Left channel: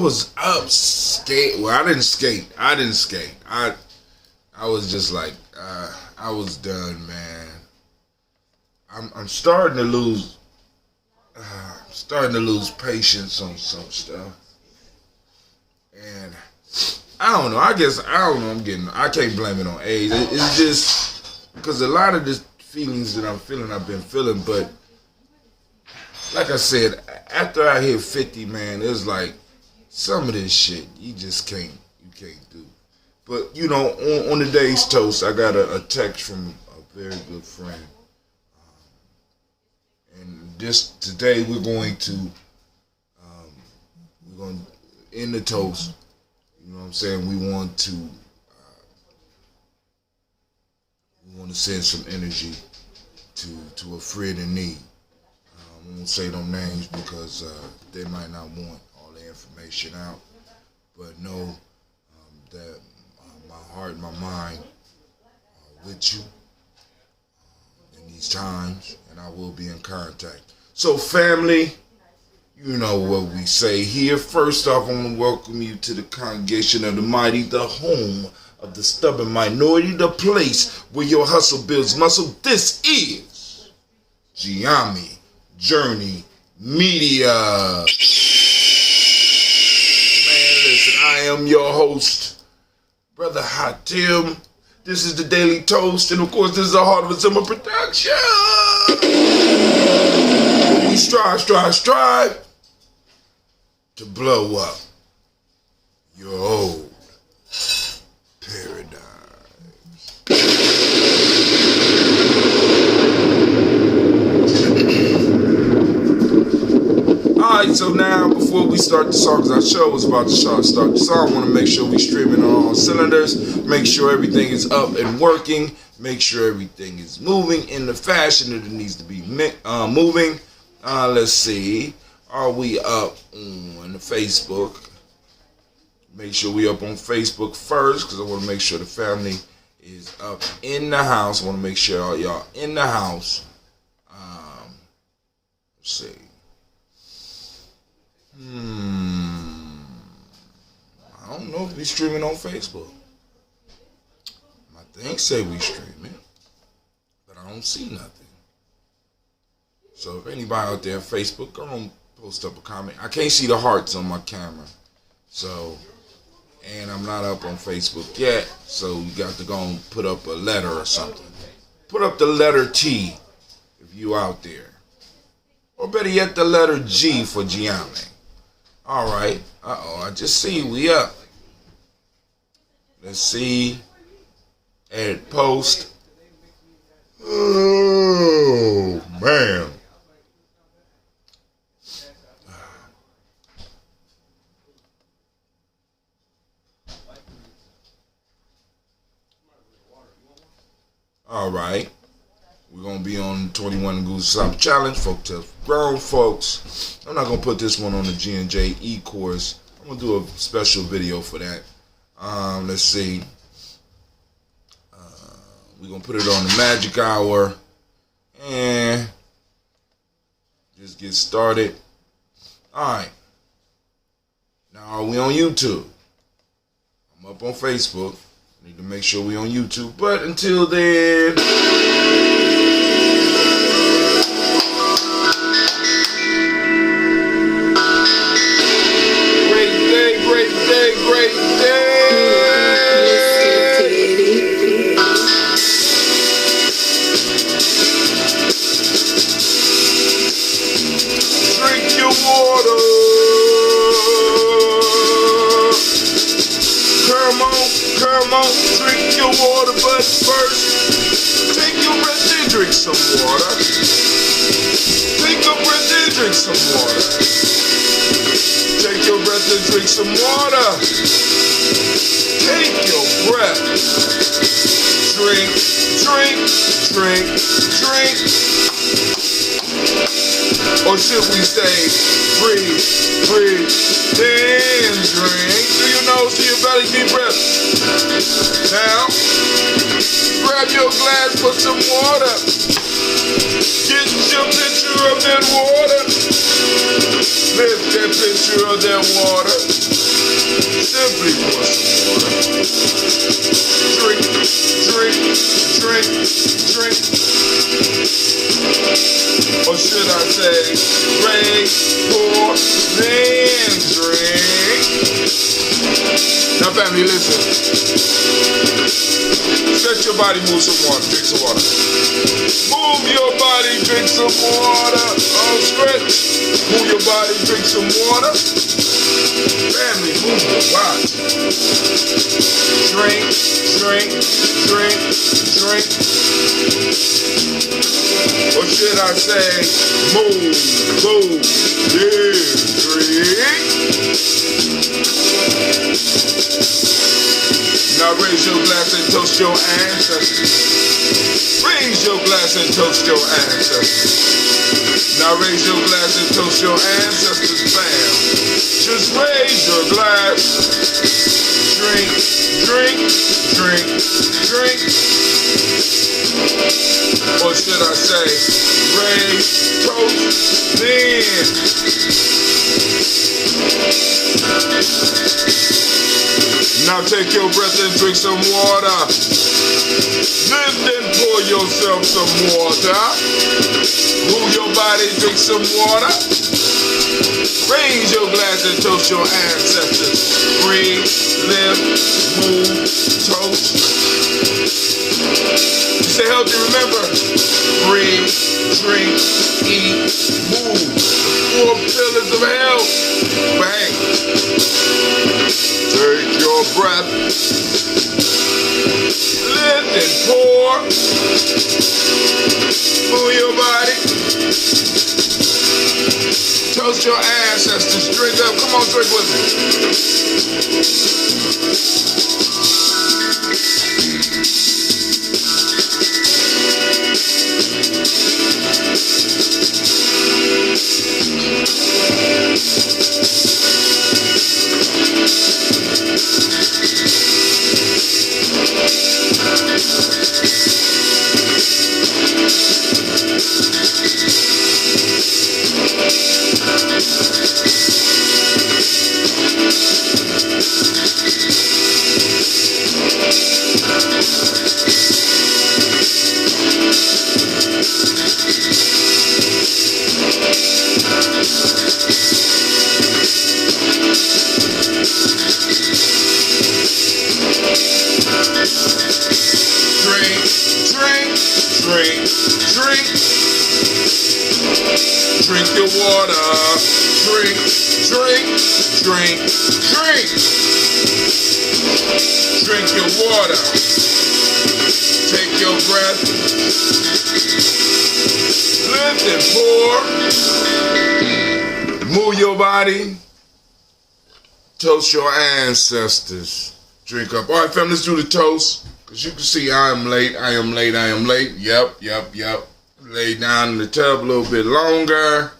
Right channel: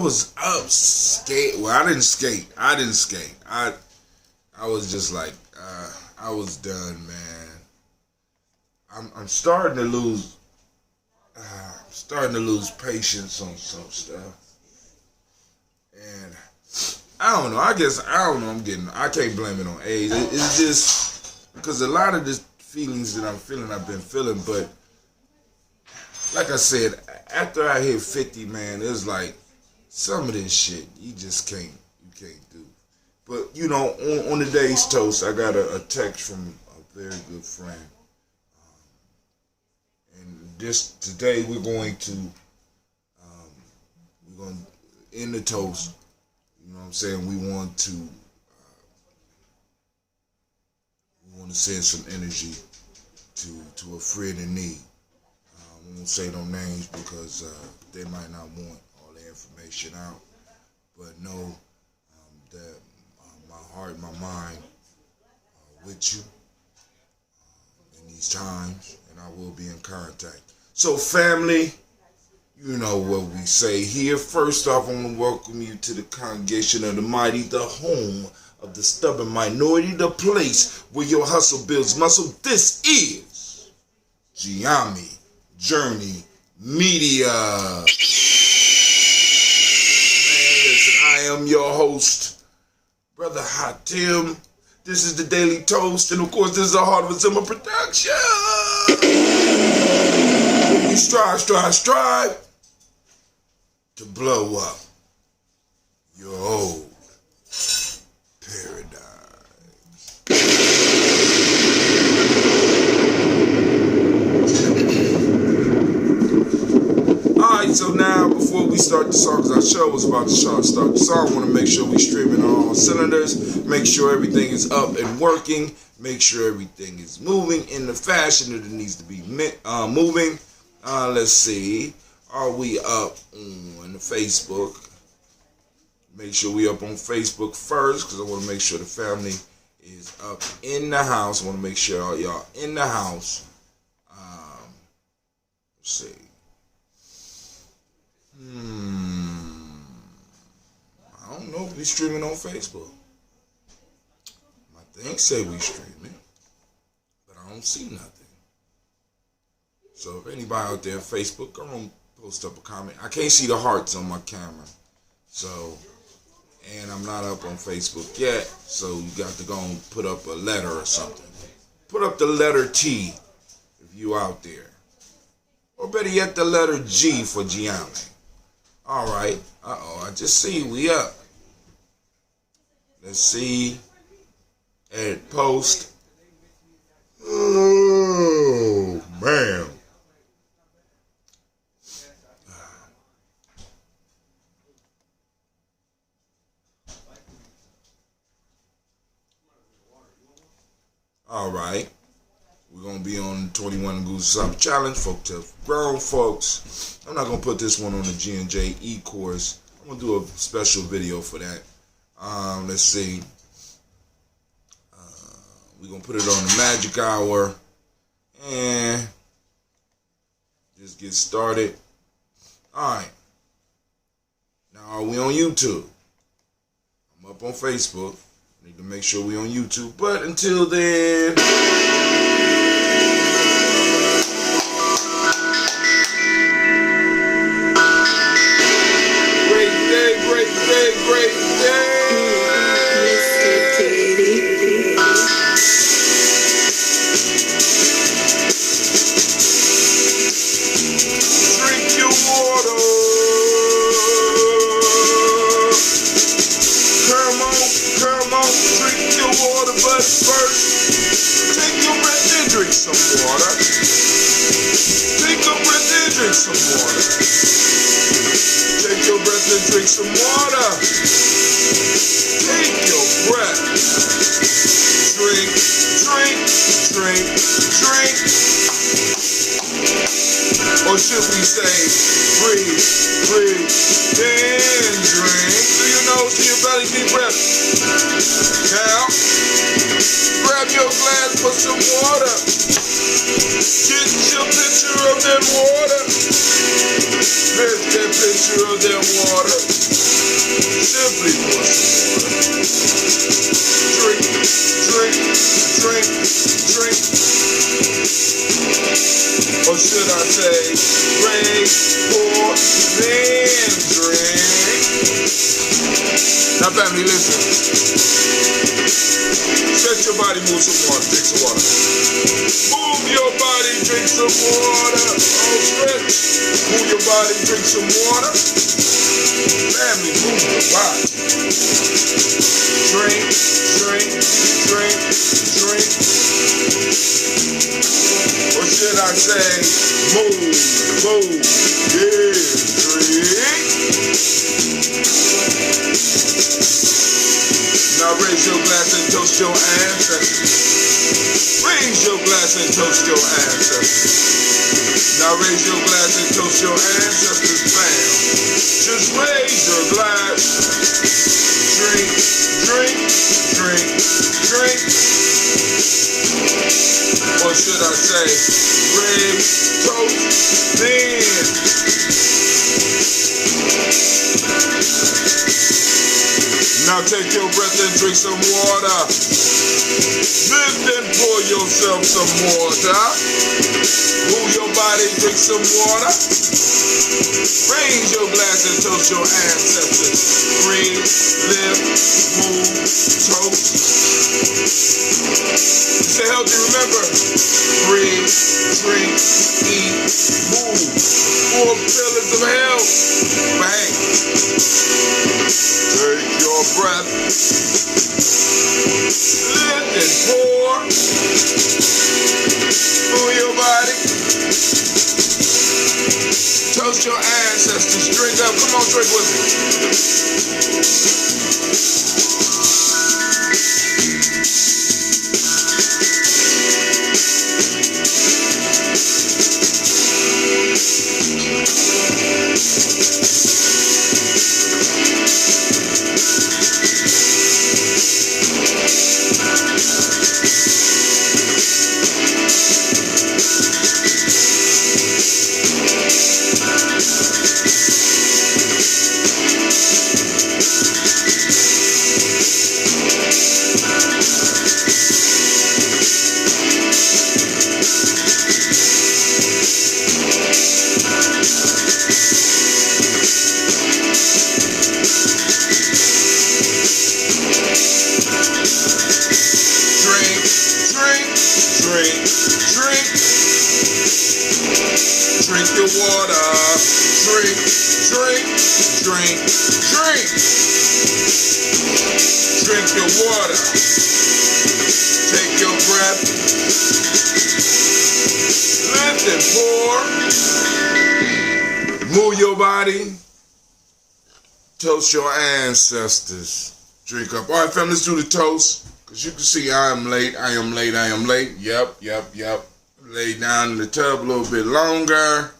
was up skate. Well, I didn't skate. I was just like, I was done, man. I'm starting to lose. Starting to lose patience on some stuff, and I don't know. I don't know. I can't blame it on age. It's just because a lot of the feelings that I'm feeling, I've been feeling. But like I said, after I hit 50, man, it's like some of this shit you just can't do. But you know, on today's toast, I got a text from a very good friend. And today we're going to end the toast. You know what I'm saying? We want to send some energy to a friend in need. I won't say no names because they might not want all the information out. But know that my heart and my mind are with you in these times, and I will be in contact. So family, you know what we say here. First off, I want to welcome you to the congregation of the mighty, the home of the stubborn minority, the place where your hustle builds muscle. This is Gye-Nyame Journey Media. Man, listen, I am your host, Brother Hatim. This is the Daily Toast, and of course, this is a Heart of a Summer production. We strive to blow up your old paradigm. Alright, so now before we start the song, because our show was about to start the song, I want to make sure we streaming on all cylinders, make sure everything is up and working, make sure everything is moving in the fashion that it needs to be moving. Let's see, are we up on Facebook? Make sure we up on Facebook first, because I want to make sure the family is up in the house. I want to make sure all y'all in the house. Let's see. I don't know if we streaming on Facebook. My thing say we streaming, but I don't see nothing. So if anybody out there on Facebook, go on, post up a comment. I can't see the hearts on my camera. So, and I'm not up on Facebook yet, so you got to go and put up a letter or something. Put up the letter T if you out there. Or better yet, the letter G for Gye-Nyame. Alright. I just see we up. Let's see. Edit post. Oh, man. Alright. We're going to be on 21 Goose Summer Challenge. Folk Tales for Grown Folks. I'm not going to put this one on the G&J e-course. I'm going to do a special video for that. Let's see. We're going to put it on the Magic Hour. And just get started. Alright. Now, are we on YouTube? I'm up on Facebook. I need to make sure we on YouTube. But until then... Great day. Drink your water. Come on, drink your water, but first, take your breath and drink some water. Take your breath and drink some water. Take your breath and drink some water. Take your breath. Drink. Or should we say, breathe, then drink. Do you know, see your belly, deep breath. Now, grab your glass, put some water. Get your picture of that water. Lift that picture of that water. Simply pour some water. Drink, drink, drink, drink. Or should I say, raise, pour, then drink. Now family, listen. Stretch your body, move some water, drink some water. Move your body, drink some water. Oh, stretch. Move your body, drink some water. Family, move your body. Drink, drink, drink, drink. Or should I say, move, yeah, drink. Now raise your glass and toast your ancestors. Raise your glass and toast your ancestors. Now raise your glass and toast your ancestors, fam. Just raise your glass. Drink, drink, drink, drink. Or should I say, raise, toast, then. Now take your breath and drink some water. Lift and pour yourself some water. Move your body, drink some water. Raise your glass and toast your ancestors. Breathe, live, move, toast. Stay healthy, remember. Breathe, drink, eat, move. The 4 pillars of health. Bang. Take your breath. Lift and pour. Move your body. Toast your ancestors. Drink up. Come on, drink with me. Drink, drink. Drink your water. Drink, drink, drink, drink. Drink your water. Take your breath. Lift and pour. Move your body. Toast your ancestors. Drink up. All right, fam, let's do the toast. Because you can see I am late. Yep. Laid down in the tub a little bit longer.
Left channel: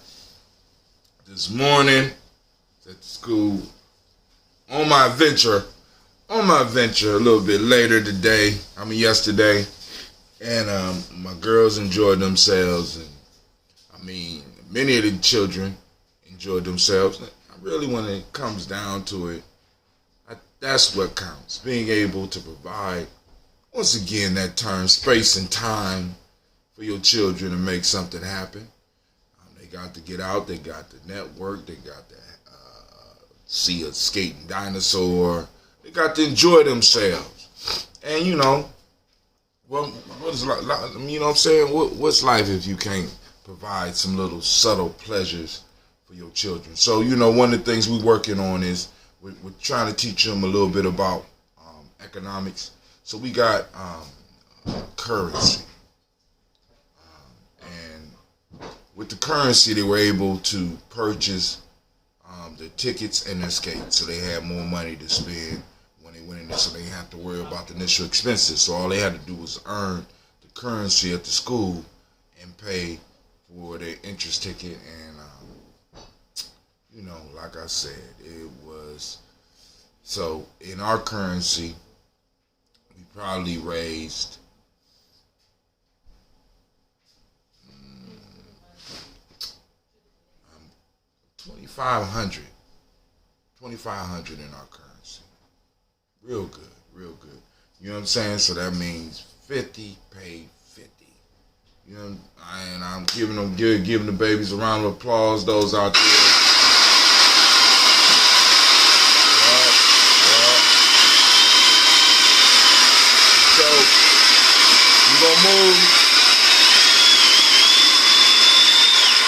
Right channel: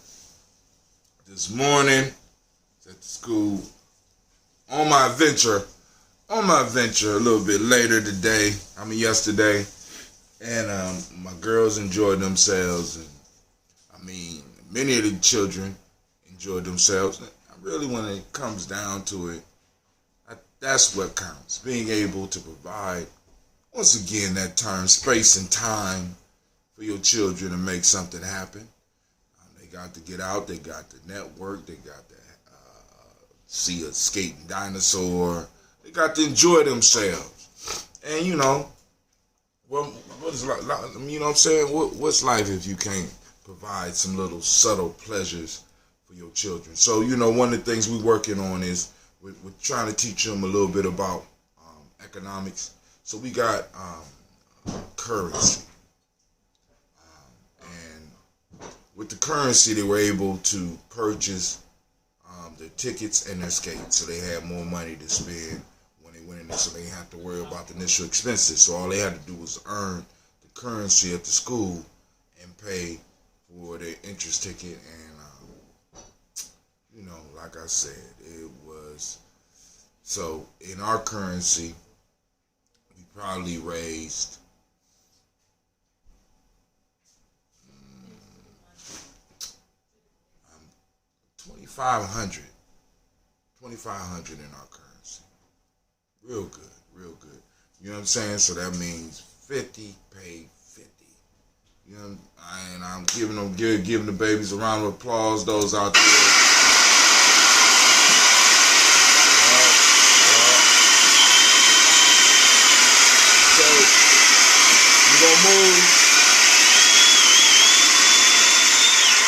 This morning, at school. On my adventure a little bit later today. Yesterday. And my girls enjoyed themselves. And many of the children enjoyed themselves. Really, when it comes down to it, that's what counts. Being able to provide, once again, that term, space and time for your children to make something happen. They got to get out. They got to network. They got to see a skating dinosaur. They got to enjoy themselves. And, what is life? You know what I'm saying? What's life if you can't provide some little subtle pleasures for your children? So, one of the things we're working on is we're trying to teach them a little bit about economics. So we got currency. And with the currency, they were able to purchase their tickets and their skates. So they had more money to spend when they went in there, so they didn't have to worry about the initial expenses. So all they had to do was earn the currency at the school and pay for their interest ticket. And like I said, it was, so in our currency, we probably raised, $2,500. $2,500 in our currency. Real good, real good. You know what I'm saying? So that means 50 paid 50. You know, and I'm giving the babies a round of applause. Those out there. So we're gonna move.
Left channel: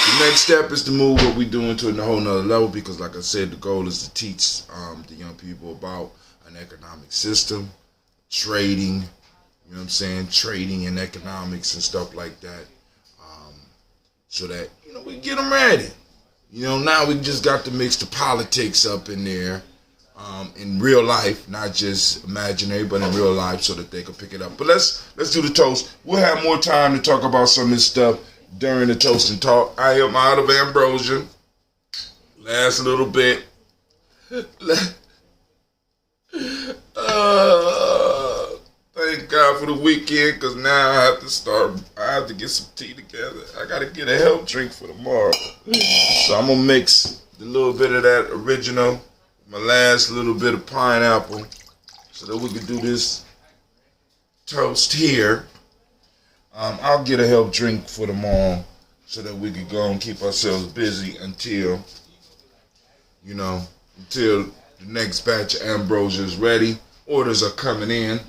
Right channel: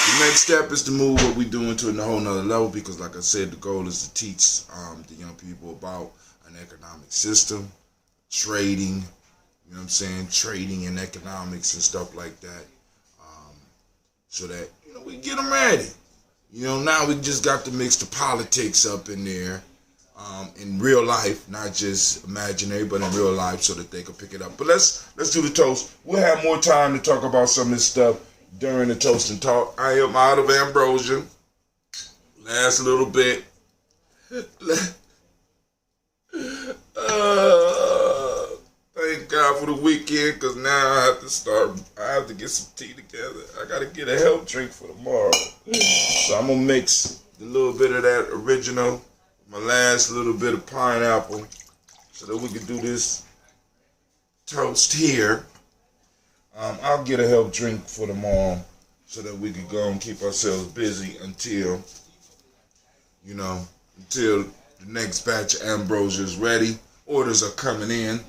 The next step is to move what we're doing to a whole nother level, because like I said, the goal is to teach the young people about an economic system, trading, you know what I'm saying, trading and economics and stuff like that, so that, you know, we get them ready. You know, now we just got to mix the politics up in there, in real life, not just imaginary, but in real life, so that they can pick it up. But let's do the toast. We'll have more time to talk about some of this stuff during the toast and talk. I am out of ambrosia. Last little bit. Thank God for the weekend, because now I have to get some tea together. I got to get a health drink for tomorrow. So I'm going to mix a little bit of that original, my last little bit of pineapple, so that we can do this toast here. I'll get a health drink for tomorrow, so that we can go and keep ourselves busy until the next batch of ambrosia is ready. Orders are coming in.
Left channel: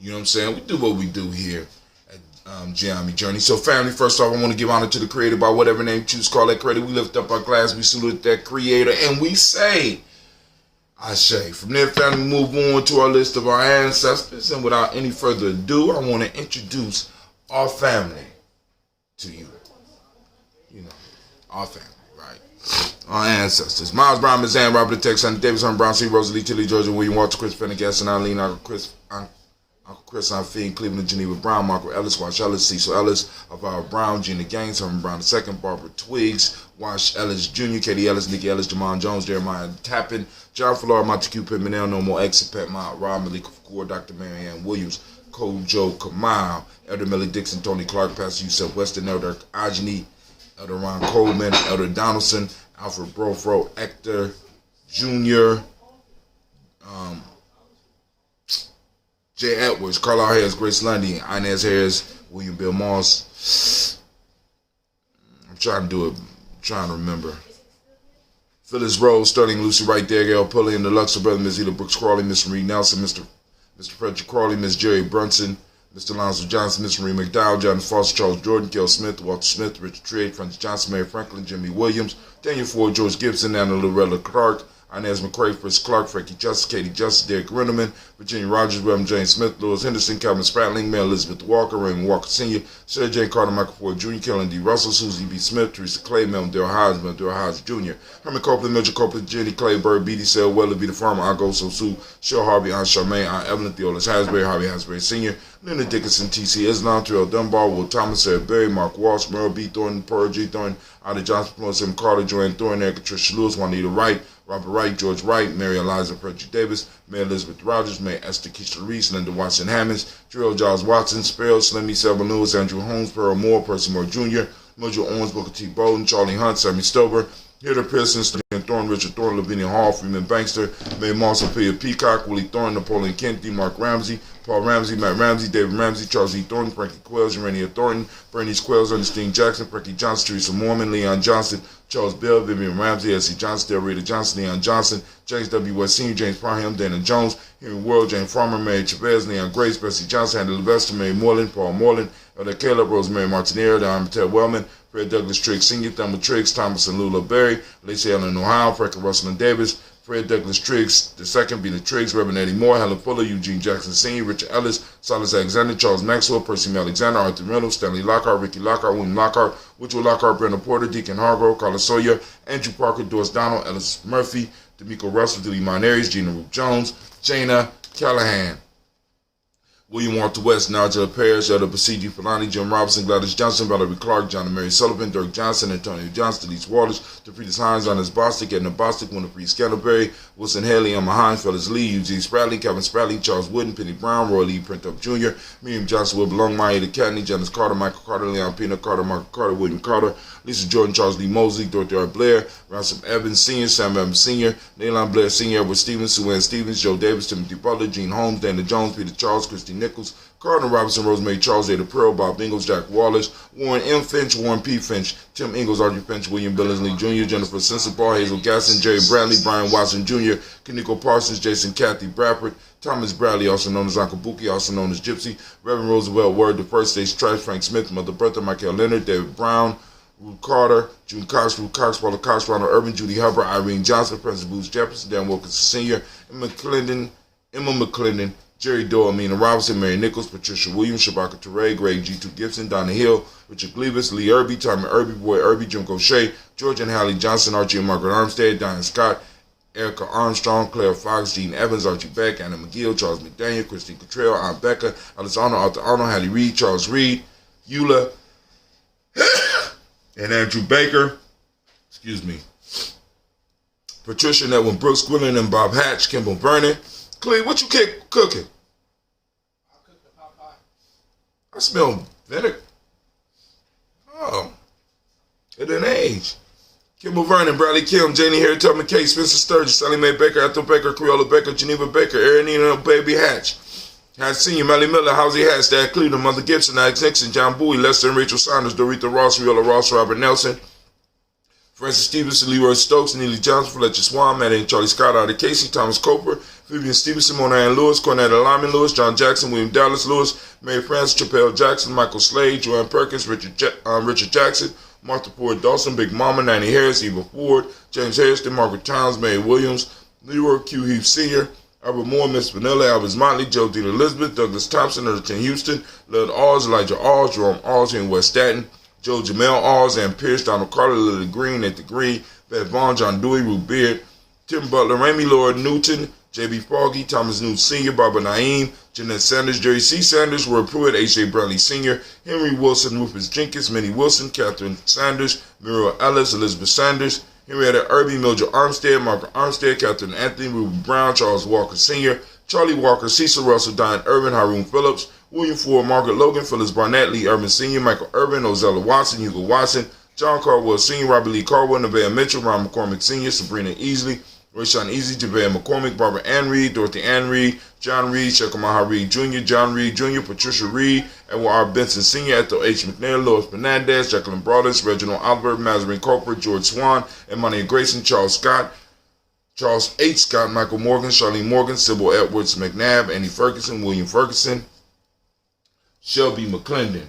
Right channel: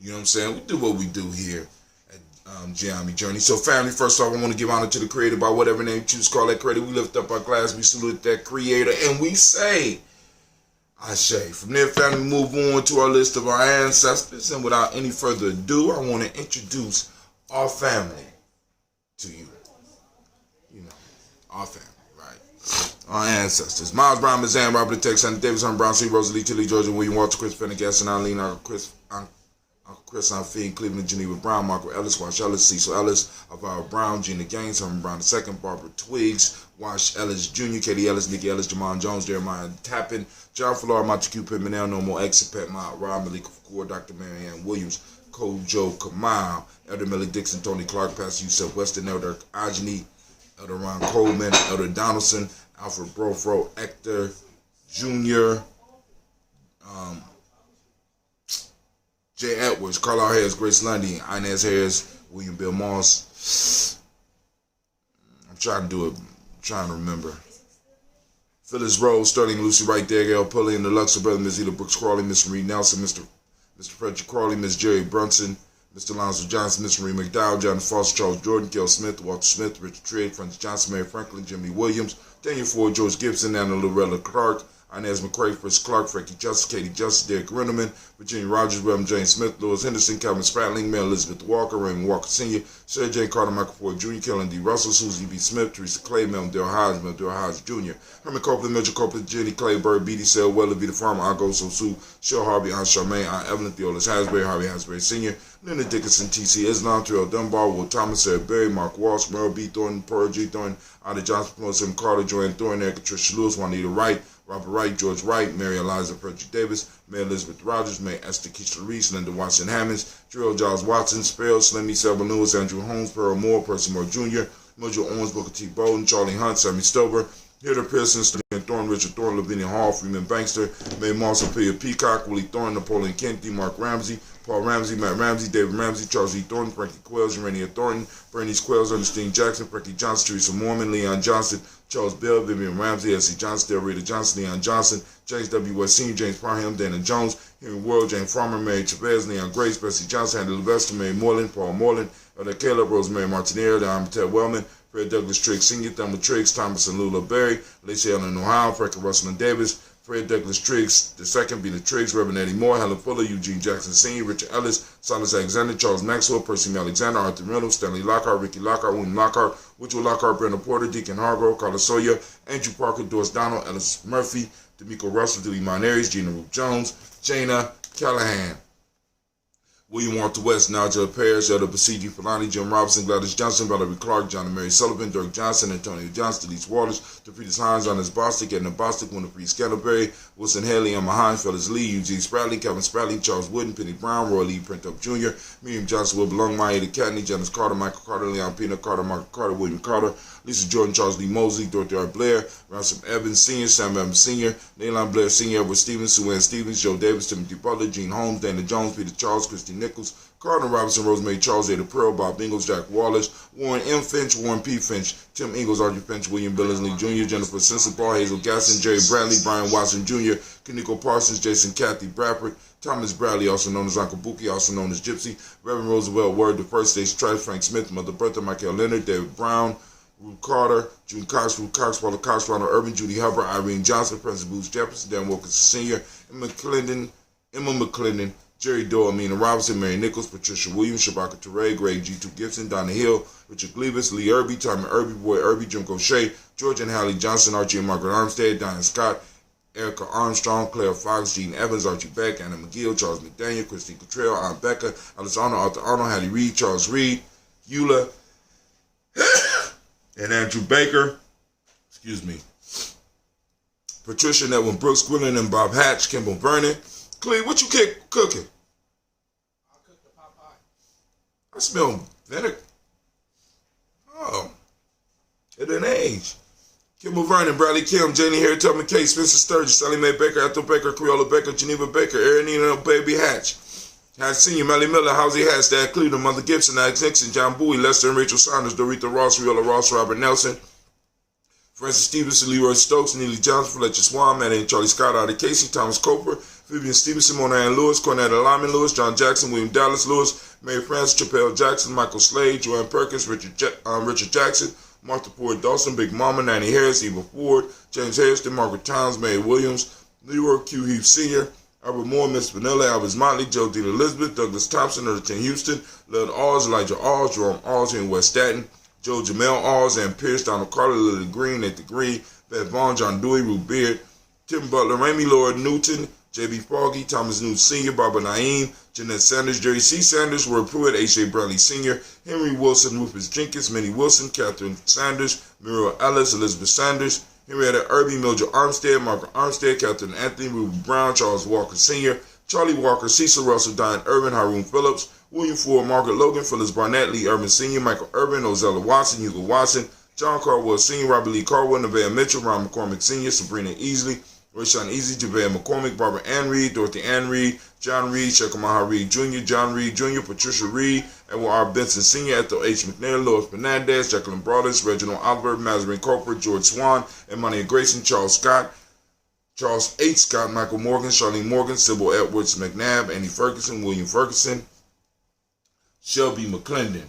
You know what I'm saying? We do what we do here at Gye-Nyame Journey. So family, first off, I want to give honor to the creator by whatever name you choose to call that creator. We lift up our glass, we salute that creator, and we say, Ashe. From there, family, move on to our list of our ancestors. And without any further ado, I want to introduce our family to you. You know, our family, right? Our ancestors. Miles Brown, Miss Ann, Robert the Tex, Sonny Davis, Hunter Brown, C. Rosalie, Tilly, Georgia, William Walter, Chris Pendergast, and Eileen, Uncle Chris, Fiend, Cleveland, Geneva Brown, Margaret Ellis, Wash Ellis, Cecil Ellis, Alvaro Brown, Gina Gaines, Herman Brown II, Barbara Twiggs, Wash Ellis Jr., Katie Ellis, Nikki Ellis, Jamon Jones, Jeremiah Tappan, John Falar, Montague Pimenel, No More Exit, Pet Mount, Rob Malika Fakour, Dr. Marianne Williams, Kojo Kamal, Elder Millie Dixon, Tony Clark, Pastor Yusef Weston, Elder Ajani, Elder Ron Coleman, Elder Donaldson, Alfred Brofro, Hector Jr., Jay Edwards, Carlisle Harris, Grace Lundy, Inez Harris, William Bill Moss. I'm trying to remember. Phyllis Rose, Sterling Lucy right there, Gail Pulley, and the Luxor brother, Ms. Eda Brooks Crawley, Miss Marie Nelson, Mr. Frederick Crawley, Miss Jerry Brunson, Mr. Lonzo Johnson, Miss Marie McDowell, John Foster, Charles Jordan, Kel Smith, Walter Smith, Richard Trade, Francis Johnson, Mary Franklin, Jimmy Williams, Daniel Ford, George Gibson, Anna Loretta Clark, Inez McCray, Fritz Clark, Frankie Justice, Katie Justice, Derek Rennerman, Virginia Rogers, Reverend James Smith, Lewis Henderson, Calvin Spratling, Mary Elizabeth Walker, Raymond Walker Sr., Sarah Jane Carter, Michael Ford Jr., Kellen D. Russell, Susie B. Smith, Teresa Clay, Melvin Dale Hodge Jr., Herman Copeland, Mitchell Copeland, Jenny Clay, Bird, B.D. Sale, Weller, B. the Farmer, Argo, Sosu, Cheryl Harvey, Aunt Charmaine, Aunt Evelyn, Theolis Hasbury, Harvey Hasbury Sr., Leonard Dickinson, T.C. Islam, Terrell Dunbar, Will Thomas, Sarah Berry, Mark Walsh, Merle B. Thornton, Pearl G. Thornton, Ida Johnson, Tim Carter, Joanne Thornton, Erica Tricia Lewis, Juanita Wright, Robert Wright, George Wright, Mary Eliza Frederick Davis, Mary Elizabeth Rogers, May Esther Keisha Reese, Linda Watson Hammonds, Gerald Giles Watson, Sparrow, Slimmy, Selma Lewis, Andrew Holmes, Pearl Moore, Percy Moore Jr., Mildred Owens, Booker T. Bowden, Charlie Hunt, Sammy Stover, Hilda Pearson, Stephen Thorne, Richard Thorne, Lavinia Hall, Freeman Bankster, Mae Moss, Sophia Peacock, Willie Thorne, Napoleon Kennedy, Mark Ramsey, Paul Ramsey, Matt Ramsey, David Ramsey, Charles E. Thornton, Frankie Quells, Urania Thornton, Bernice Quells, Ernestine Jackson, Frankie Johnson, Teresa Mormon, Leon Johnson, Charles Bell, Vivian Ramsey, S.C. Johnson, Del Rita Johnson, Leon Johnson, James W. West Sr., James Parham, Dana Jones, Henry World, Jane Farmer, Mary Chavez, Leon Grace, Bessie Johnson, Andy Levester, Mary Moreland, Paul Moreland, Elder Caleb, Rosemary Martinez, Don Ted Wellman, Fred Douglas Triggs Sr., Thelma Triggs, Thomas and Lula Berry, Lacey Ellen Ohio, Frankie Russell and Davis, Fred Douglas Triggs II, Bina Triggs, Reverend Eddie Moore, Helen Fuller, Eugene Jackson Sr., Richard Ellis, Silas Alexander, Charles Maxwell, Percy Alexander, Arthur Reynolds, Stanley Lockhart, Ricky Lockhart, William Lockhart, Woodrow Lockhart, Brenda Porter, Deacon Hargrove, Carla Sawyer, Andrew Parker, Doris Donald, Ellis Murphy, D'Amico Russell, Dilly Monaries, Gina Roop Jones, Jana Callahan, William Walter West, Nigel Parrish, Elder Basiji Fulani, Jim Robinson, Gladys Johnson, Valerie Clark, John and Mary Sullivan, Dirk Johnson, Antonio Johnson, Delise Waters, DeFritas Hines, Honest Bostic, Edna Bostic, Winifred Scantleberry, Wilson Haley, Emma Hines, Phyllis Lee, Eugene Spradley, Kevin Spradley, Charles Wooden, Penny Brown, Roy Lee Printup Jr., Miriam Johnson, Will Belong, Maya DeCatney, Janice Carter, Michael Carter, Leon Pina Carter, Michael Carter, William Carter, Lisa Jordan, Charles Lee Mosley, Dorothy R. Blair, Ransom Evans Sr., Sam Evans Sr., Naylon Blair Sr., Edward Stevens, Sue Ann Stevens, Joe Davis, Timothy Butler, Gene Holmes, Dana Jones, Peter Charles, Christy Nichols, Cardinal Robinson, Rosemary Charles, Ada Pearl, Bob Ingalls, Jack Wallace, Warren M. Finch, Warren P. Finch, Tim Ingalls, Archie Finch, William Billingsley Jr., Jennifer Simpson, Paul Hazel Gasson, Jerry Bradley, Brian Watson Jr., Kaniko Parsons, Jason Kathy Bradford, Thomas Bradley, also known as Uncle Buki, also known as Gypsy, Reverend Roosevelt Word, the First Stage Tribe, Frank Smith, Mother Bertha, Michael Leonard, David Brown, Ruth Carter, June Cox, Ruth Cox, Paula Cox, Ronald Urban, Judy Hubbard, Irene Johnson, President Booth Jefferson, Dan Wilkins Sr., Emma McClendon, Jerry Doyle, Amina Robinson, Mary Nichols, Patricia Williams, Shabaka Teray, Greg G2 Gibson, Donna Hill, Richard Gleavis, Lee Irby, Tommy Irby, Boy Irby, Jim Gaucher, George and Hallie Johnson, Archie and Margaret Armstead, Diane Scott, Erica Armstrong, Claire Fox, Gene Evans, Archie Beck, Anna McGill, Charles McDaniel, Christine Cottrell, Aunt Becca, Alice Arnold, Arthur Arnold, Hattie Reed, Charles Reed, Eula, and Andrew Baker, Patricia Netwin Brooks, Gwilyn and Bob Hatch, Kimball Vernon. Cleve, what you cooking? I cooked a pot pie. I smell vinegar. Oh, it didn't age. Kimball Vernon, Bradley Kim, Janie Harry, Tubman K, Spencer Sturgis, Sally Mae Baker, Ethel Baker, Creola Baker, Geneva Baker, Erinina Baby Hatch, Hatch Sr., Melly Miller, Housie Hatch, Dad Cleveland, Mother Gibson, Alex Nixon, John Bowie, Lester and Rachel Saunders, Dorita Ross, Riola Ross, Robert Nelson, Francis Stevenson, Leroy Stokes, Neely Johnson, Fletcher Swan, Maddie and Charlie Scott, Artie Casey, Thomas Coper, Vivian Stevenson, Mona Ann Lewis, Cornetta Lyman Lewis, John Jackson, William Dallas Lewis, Mary Frances, Chappelle Jackson, Michael Slade, Joanne Perkins, Richard Jackson, Martha Ford Dawson, Big Mama, Nanny Harris, Eva Ford, James Harrison, Margaret Towns, Mary Williams, Leroy Q. Heath Sr., Albert Moore, Miss Vanilla, Albert Motley, Joe Dean Elizabeth, Douglas Thompson, Elderton Houston, Lud Alls, Elijah Alls, Jerome Alls here in West Staten, Joe Jamel Alls, Ann Pierce, Donald Carter, Lily Green at the Green, Beth Vaughn, John Dewey, Ruth Beard, Tim Butler, Ramey Lord Newton, J.B. Foggy, Thomas Newton Sr., Barbara Naeem, Jeanette Sanders, Jerry C. Sanders, Roy Pruitt, H.A. Bradley Sr., Henry Wilson, Rufus Jenkins, Minnie Wilson, Catherine Sanders, Muriel Ellis, Elizabeth Sanders, Henrietta Irby, Mildred Armstead, Margaret Armstead, Catherine Anthony, Ruby Brown, Charles Walker Sr., Charlie Walker, Cecil Russell, Diane Irvin, Haroon Phillips, William Ford, Margaret Logan, Phyllis Barnett, Lee Irvin Sr., Michael Irvin, Ozella Watson, Hugo Watson, John Caldwell Sr., Robert Lee Caldwell, Nevaeh Mitchell, Ron McCormick Sr., Sabrina Easley, Rayshawn Easy, Javea McCormick, Barbara Ann Reed, Dorothy Ann Reed, John Reed, Shekamaha Reed Jr., John Reed Jr., Patricia Reed, Edward R. Benson Sr., Ethel H. McNair, Lois Fernandez, Jacqueline Broadus, Reginald Oliver, Mazarin Corporate, George Swan, Emmanuel Grayson, Charles Scott, Charles H. Scott, Michael Morgan, Charlene Morgan, Sybil Edwards McNabb, Annie Ferguson, William Ferguson, Shelby McClendon.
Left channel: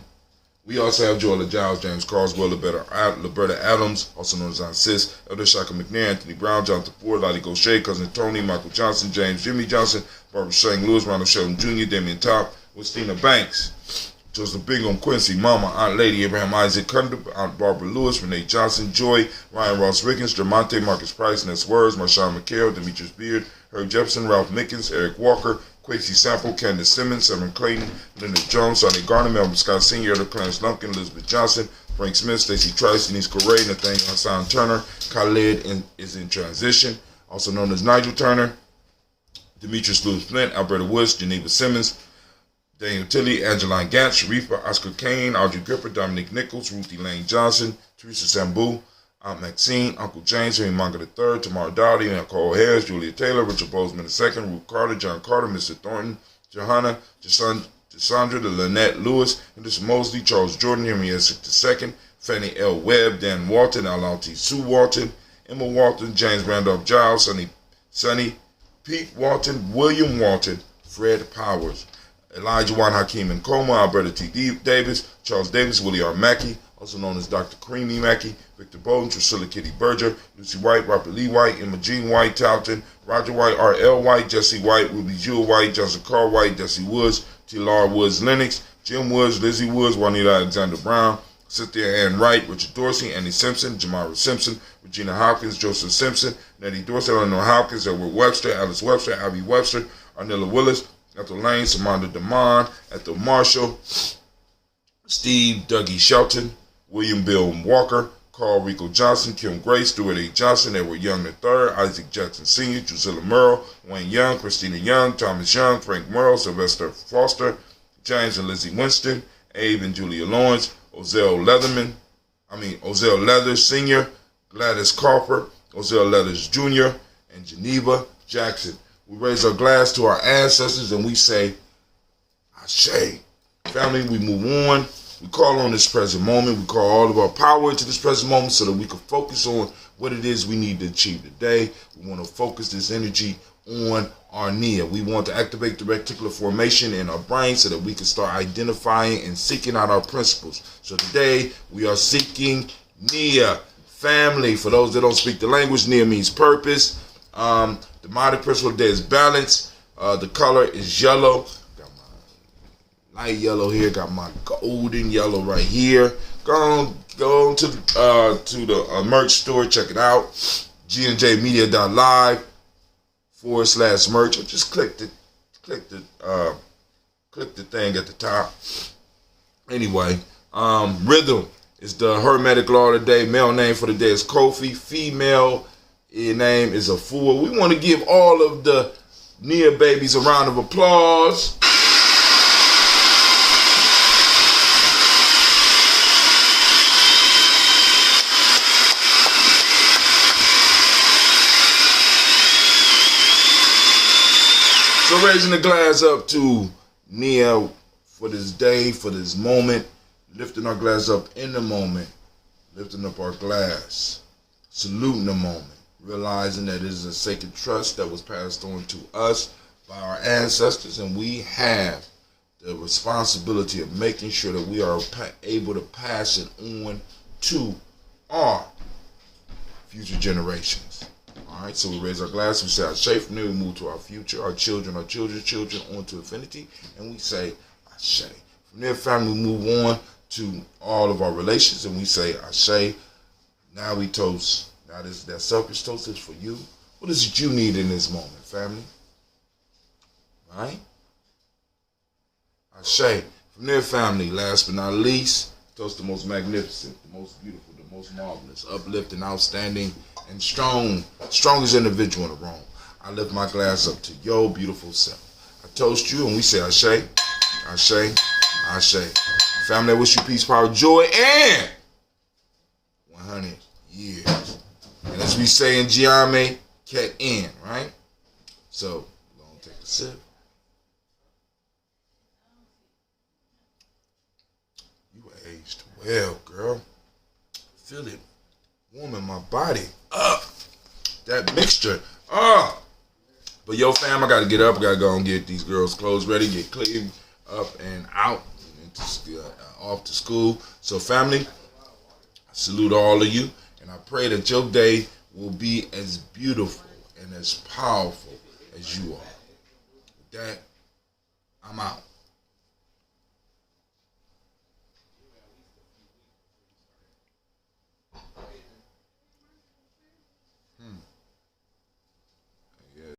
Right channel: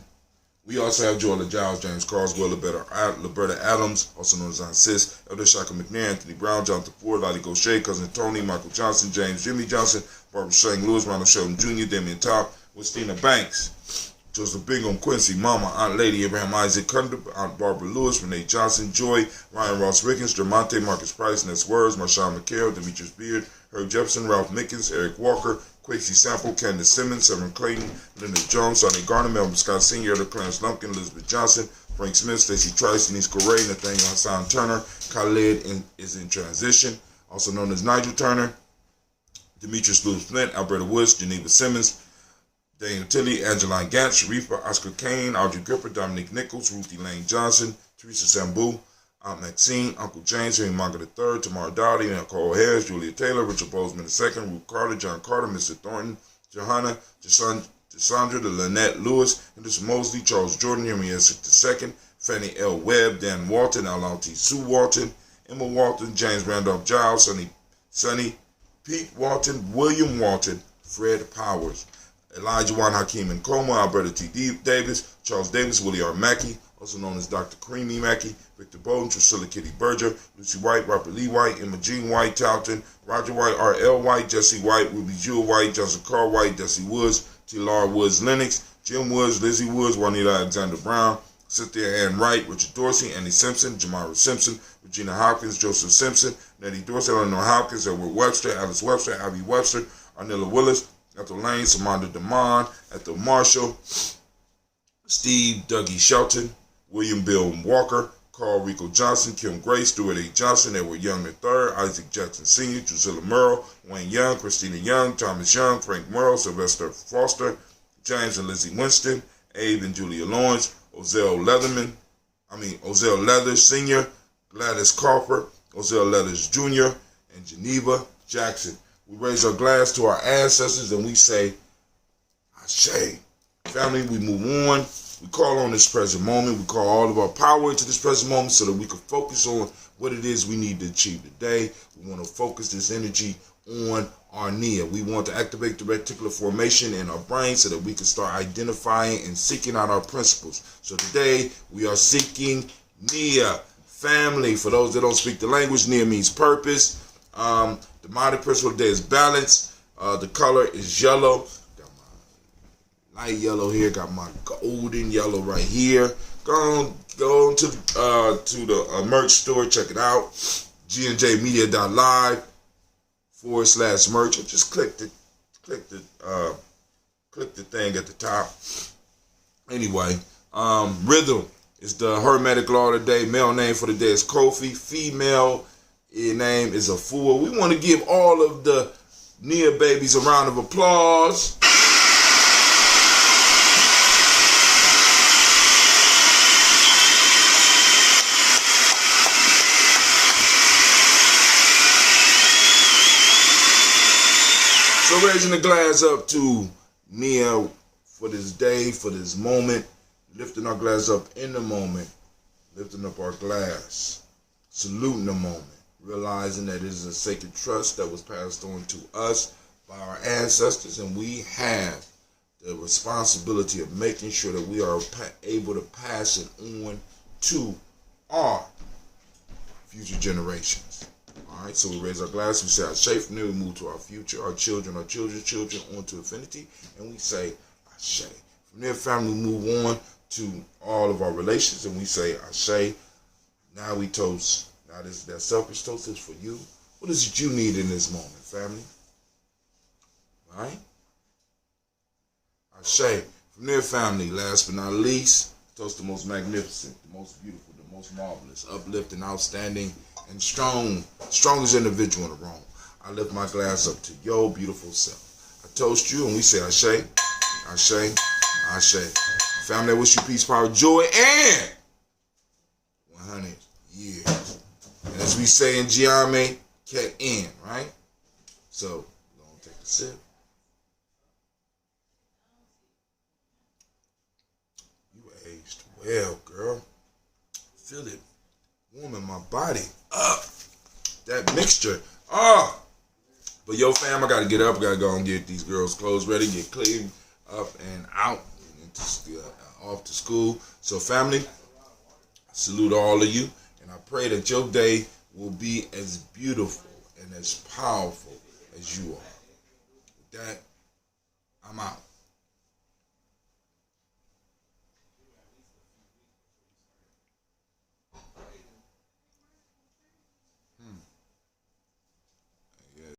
We also have Joella Giles, James Carswell, Liberta Adams, also known as Aunt Sis, Elder Shaka McNair, Anthony Brown, Jonathan Ford, Lottie Gaucher, Cousin Tony, Michael Johnson, James Jimmy Johnson, Barbara Shane Lewis, Ronald Sheldon Jr., Damian Top, Westina Banks, Joseph Bingham, Quincy, Mama, Aunt Lady, Abraham Isaac Cunder, Aunt Barbara Lewis, Renee Johnson, Joy, Ryan Ross Rickens, Dermonte, Marcus Price, Ness Words, Marshawn McHale, Demetrius Beard, Herb Jefferson, Ralph Mickens, Eric Walker, Quincy Sample, Candace Simmons, Severn Clayton, Leonard Jones, Sonny Garner, Melvin Scott Sr., Elder Clarence Lumpkin, Elizabeth Johnson, Frank Smith, Stacey Trice, Denise Correa, Nathaniel Hassan Turner, Khalid is in transition, also known as Nigel Turner, Demetrius Lewis Flint, Alberta Woods, Geneva Simmons, Daniel Tilley, Angeline Gantz, Sharifa, Oscar Kane, Audrey Gripper, Dominique Nichols, Ruthie Lane Johnson, Teresa Sambu, Aunt Maxine, Uncle James, Henry Manga III, Tamara Dowdy, Nicole Harris, Julia Taylor, Richard Bozeman II, Ruth Carter, John Carter, Mr. Thornton, Johanna, Cassandra, Lynette Lewis, Henderson Mosley, Charles Jordan, Henry Essex II, Fannie L. Webb, Dan Walton, Alanti Sue Walton, Emma Walton, James Randolph Giles, Sonny Pete Walton, William Walton, Fred Powers, Elijah Juan Hakeem Nkoma, Alberta T. Davis, Charles Davis, Willie R. Mackey, also known as Dr. Creamy Mackey, Victor Bowden, Priscilla Kitty Berger, Lucy White, Robert Lee White, Emma Jean White, Talton, Roger White, R.L. White, Jesse White, Ruby Jewel White, Johnson Carl White, Desi Woods, T.Lar Woods Lennox, Jim Woods, Lizzie Woods, Juanita Alexander Brown, Cynthia Ann Wright, Richard Dorsey, Annie Simpson, Jamara Simpson, Regina Hopkins, Joseph Simpson, Nettie Dorsey, Eleanor Hopkins, Edward Webster, Alice Webster, Abby Webster, Arnella Willis, Ethel Lane, Samantha Damon, Ethel Marshall, Steve Dougie Shelton, William Bill Walker, Carl Rico Johnson, Kim Gray, Stuart A. Johnson, Edward Young III, Isaac Jackson Sr., Drusilla Merle, Wayne Young, Christina Young, Thomas Young, Frank Merle, Sylvester Foster, James and Lizzie Winston, Abe and Julia Lawrence, Ozell Leathers Sr., Gladys Crawford, Ozell Leathers Jr., and Geneva Jackson. We raise our glass to our ancestors and we say, Ashe. Family, we move on. We call on this present moment. We call all of our power into this present moment so that we can focus on what it is we need to achieve today. We want to focus this energy on our Nia. We want to activate the reticular formation in our brain so that we can start identifying and seeking out our principles. So today we are seeking Nia. Family, for those that don't speak the language, Nia means purpose. The demonic principle today is balance. The color is yellow. Got my light yellow here. Got my golden yellow right here. Go on to the merch store. Check it out. GNJmedia.live /merch. Or just click the thing at the top. Anyway, rhythm is the hermetic law of the day. Male name for the day is Kofi. Female name is Afua. We want to give all of the Nia babies a round of applause. So raising the glass up to Nia for this day, for this moment, lifting our glass up in the moment, lifting up our glass, saluting the moment, realizing that it is a sacred trust that was passed on to us by our ancestors, and we have the responsibility of making sure that we are able to pass it on to our future generations. All right, so we raise our glass, we say Ashe. From there we move to our future, our children, our children's children, on to infinity, and we say Ashe. From there, family, we move on to all of our relations, and we say Ashe. Now we toast. Now that selfish toast is for you. What is it you need in this moment, family? All right? Ashe. From there, family, last but not least, toast the most magnificent, the most beautiful, the most marvelous, uplifting, outstanding, and strongest individual in the room. I lift my glass up to your beautiful self. I toast you, and we say Ashe, Ashe, Ashe. Family, I wish you peace, power, joy, and 100 years. And as we say in Gye-Nyame, cat in, right? So, we're going to take a sip. You aged well, girl. Feel it warming my body up. That mixture. But yo, fam, I got to get up. I got to go and get these girls' clothes ready, get clean up and out, and off to school. So, family, I salute all of you, and I pray that your day will be as beautiful and as powerful as you are. With that, I'm out.